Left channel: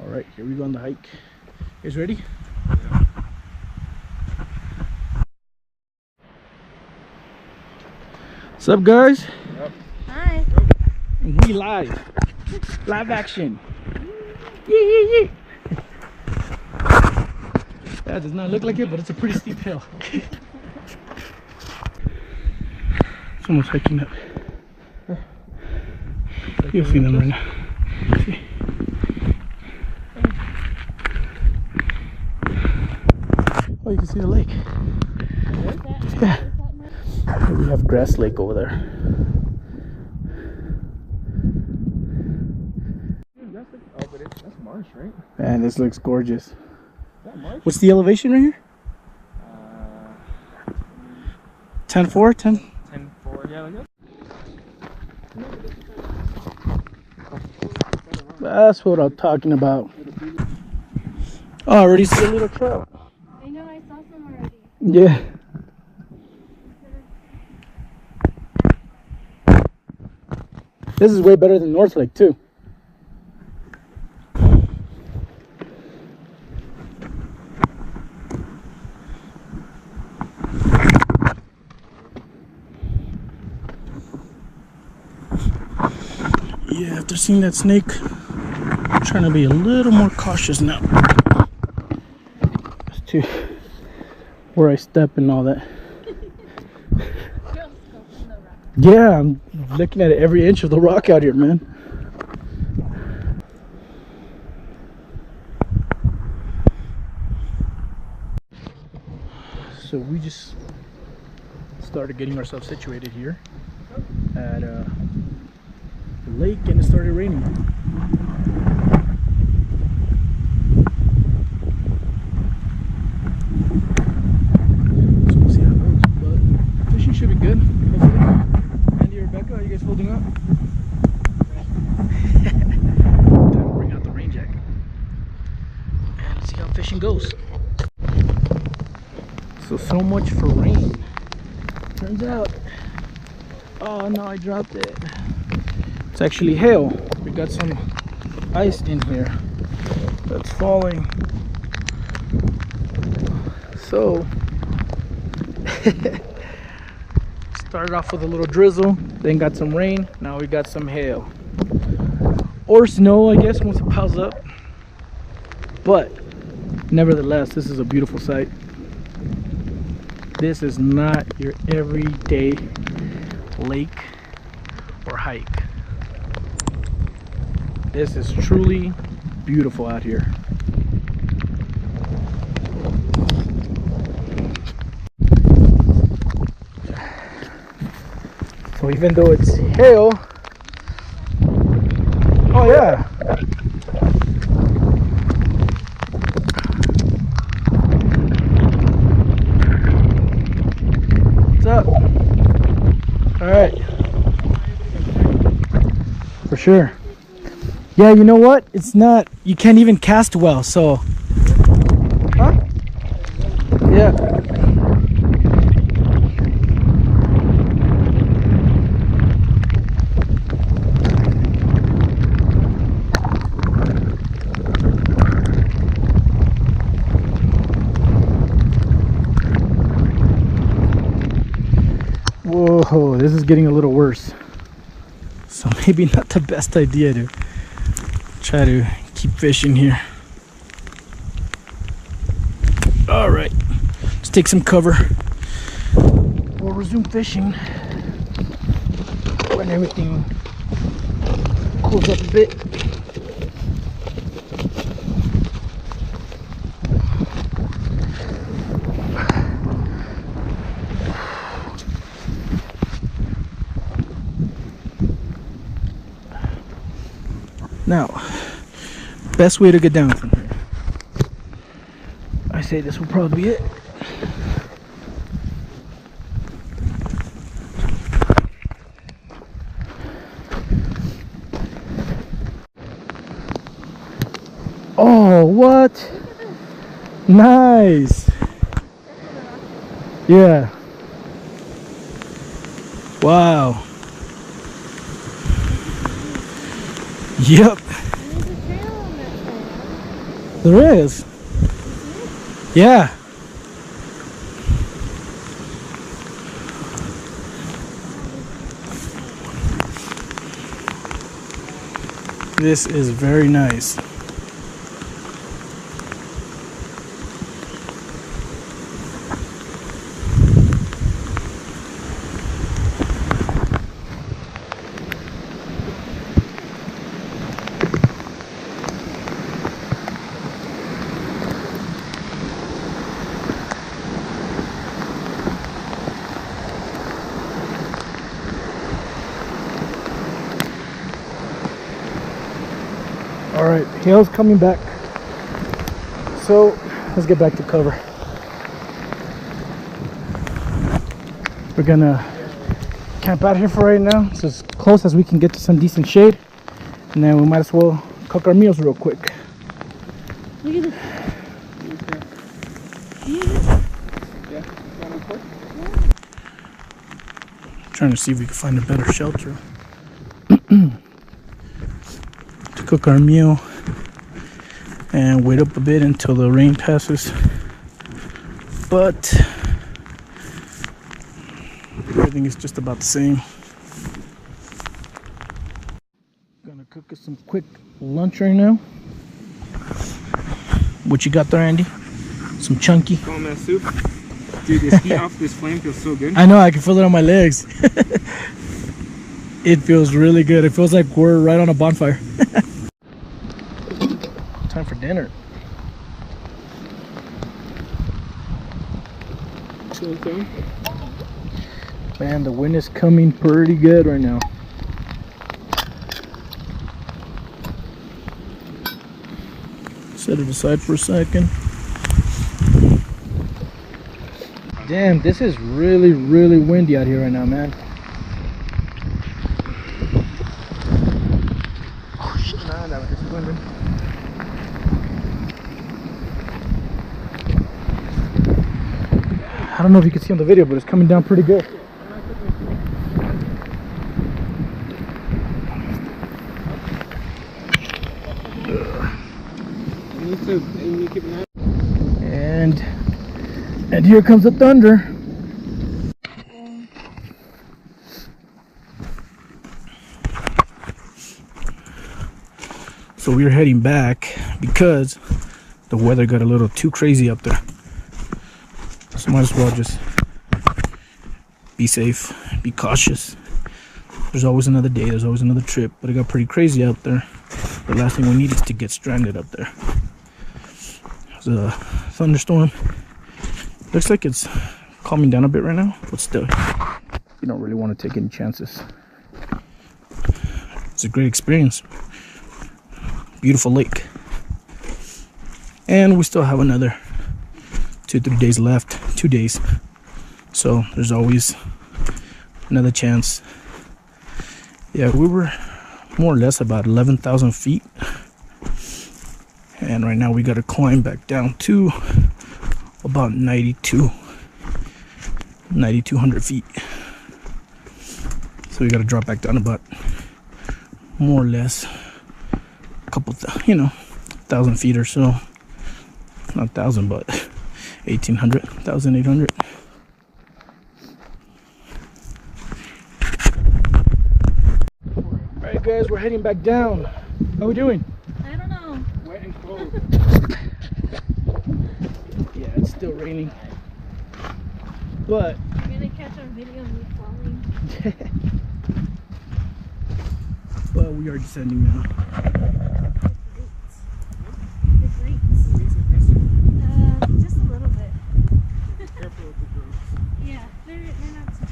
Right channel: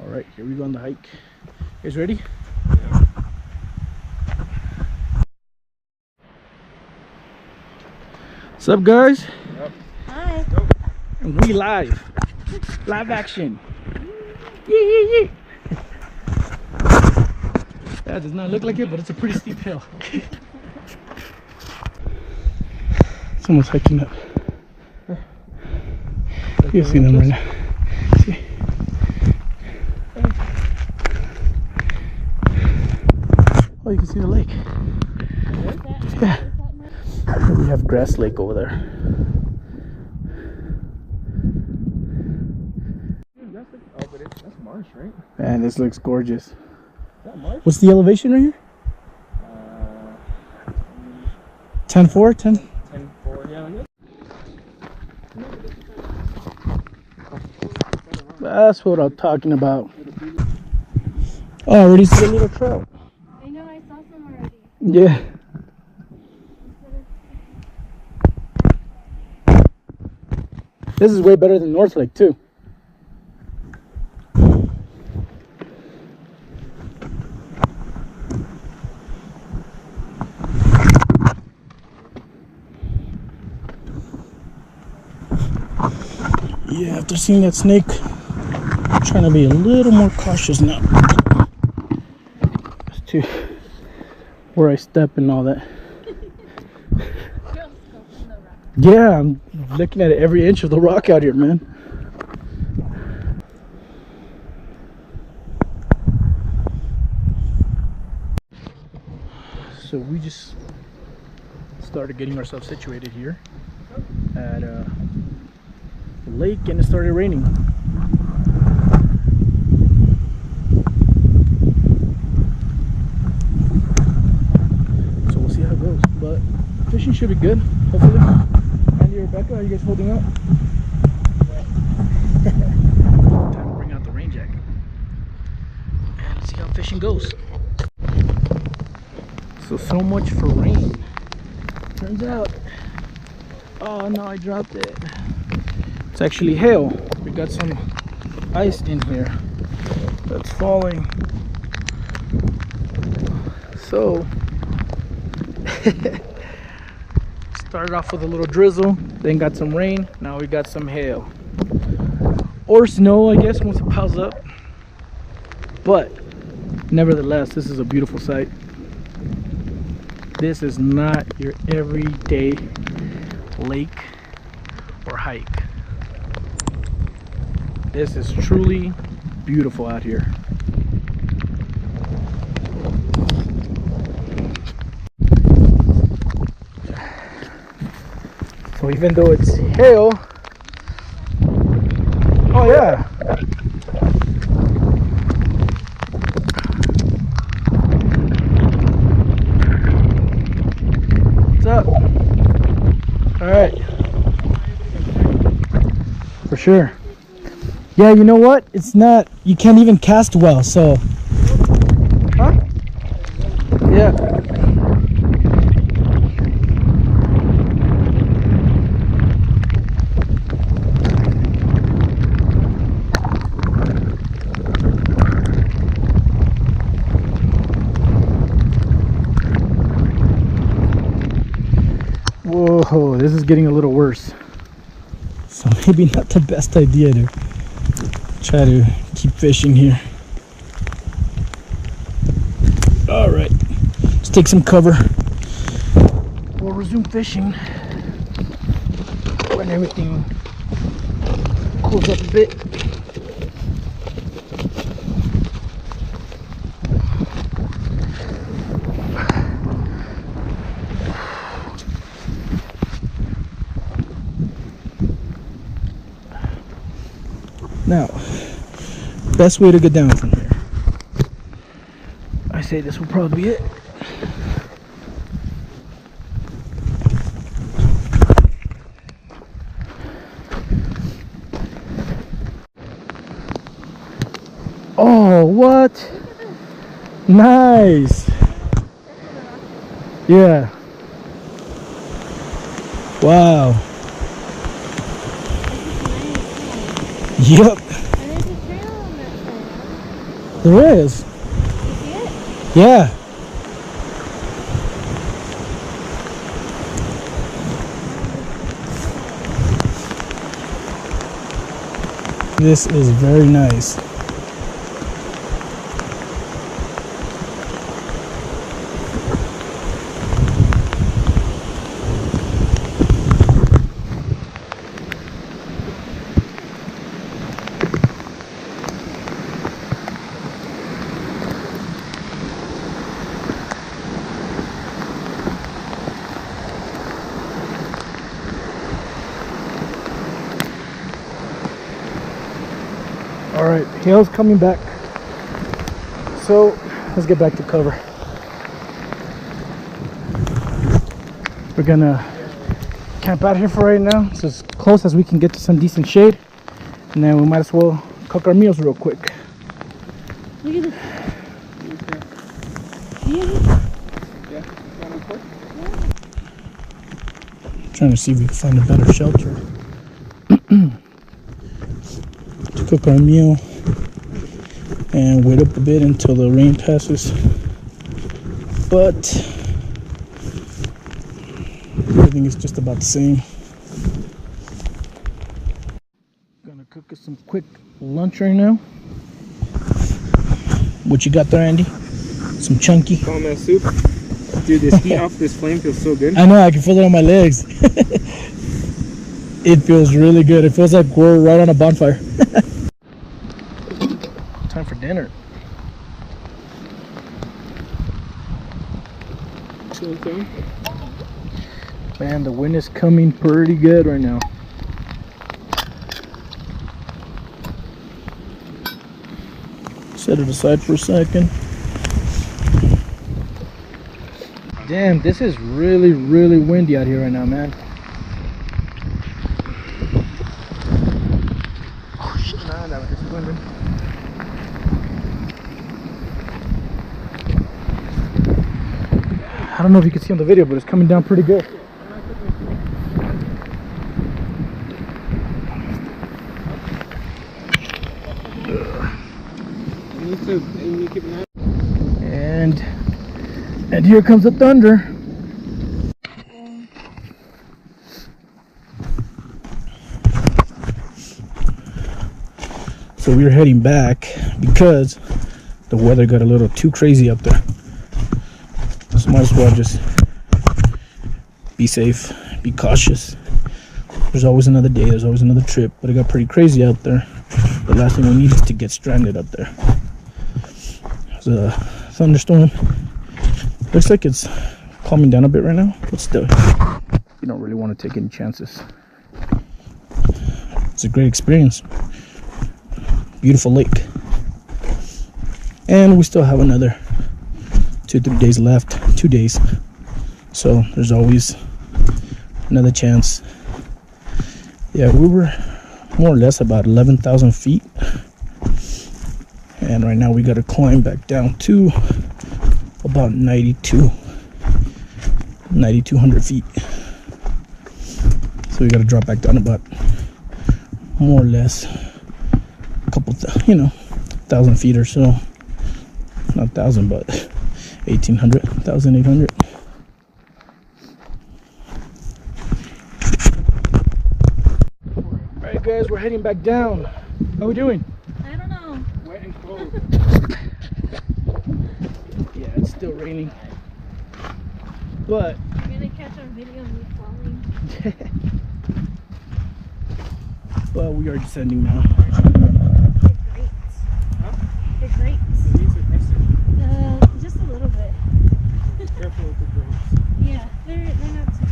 All right, here we go on the hike. You guys ready? Yeah. What's up, guys? Yep. Hi. And we live. Live action. Yee. That does not look like it, but it's a pretty steep hill. Someone's hiking up. You'll see them right now. See? Oh, you can see the lake. Yeah. We have Grass Lake over there. Oh, but that's marsh, right? Man, this looks gorgeous. Is that marsh? What's the elevation right here? 10.4? 10? 10-4, yeah, like that. That's what I'm talking about. Oh, I already see a little trout. I know, I saw some already. Yeah. This is way better than North Lake too. Yeah, after seeing that snake, I'm trying to be a little more cautious now. As to where I step and all that. Yeah, I'm looking at every inch of the rock out here, man. So we just started getting ourselves situated here at the lake, and it started raining. So we'll see how it goes, but fishing should be good, hopefully. Andy, Rebecca, how are you guys holding up? Time to bring out the rain jacket and see how fishing goes. So much for rain. Turns out, oh no, I dropped it. It's actually hail. We got some ice in here that's falling. So started off with a little drizzle, then got some rain, now we got some hail. Or snow, I guess, once it piles up. But nevertheless, this is a beautiful sight. This is not your everyday lake or hike. This is truly beautiful out here. So even though it's hail, oh yeah, what's up? All right, for sure. Yeah, you know what? It's not. You can't even cast well. So, huh? Yeah. Whoa, this is getting a little worse. So maybe not the best idea to try to keep fishing here. All right, let's take some cover. We'll resume fishing when everything cools up a bit. Now, best way to get down from here. I say this will probably be it. Oh, what? Nice. Yeah. Wow. Yep. And there's a trail on that side. There is. You see it? Yeah. This is very nice. All right, hail's coming back. So let's get back to cover. We're gonna camp out here for right now. It's as close as we can get to some decent shade. And then we might as well cook our meals real quick. Look at this. Yeah. Trying to see if we can find a better shelter to cook our meal and wait up a bit until the rain passes. But everything is just about the same. Gonna cook us some quick lunch right now. What you got there, Andy? Some chunky. Salmon soup. Dude, this heat off this flame feels so good. I know, I can feel it on my legs. It feels really good. It feels like we're right on a bonfire. Time for dinner. Man, the wind is coming pretty good right now. Set it aside for a second. Damn, this is really, really windy out here right now, man. Oh shit. I don't know if you can see on the video, but it's coming down pretty good. And here comes the thunder. So we're heading back because the weather got a little too crazy up there. So might as well just be safe, be cautious. There's always another day, there's always another trip, but it got pretty crazy out there. The last thing we need is to get stranded up there. There's a thunderstorm. Looks like it's calming down a bit right now, but still, you don't really want to take any chances. It's a great experience. Beautiful lake. And we still have another 2-3 days left. 2 days. So there's always another chance. Yeah, we were more or less about 11,000 feet. And right now we got to climb back down to about 9,200 feet. So we got to drop back down about more or less a couple, 1,000 feet or so. Not 1,000, but 1,800, 1,800. All right, guys, we're heading back down. How are we doing? I don't know. Wet and cold. Yeah, it's still raining. But I'm gonna catch our video of me falling. but we are descending now. They're great. Huh? They're great. The leaves are crusty. Just a little bit. Careful with the drones. Yeah, they're not too.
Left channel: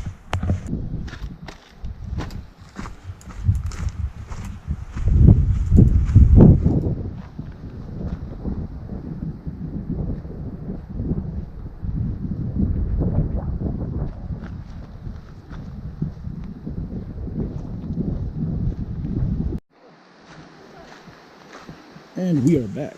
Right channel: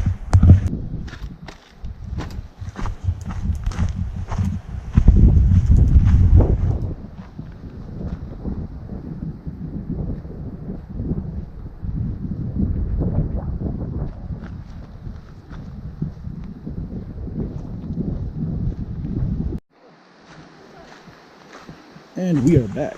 And we are back.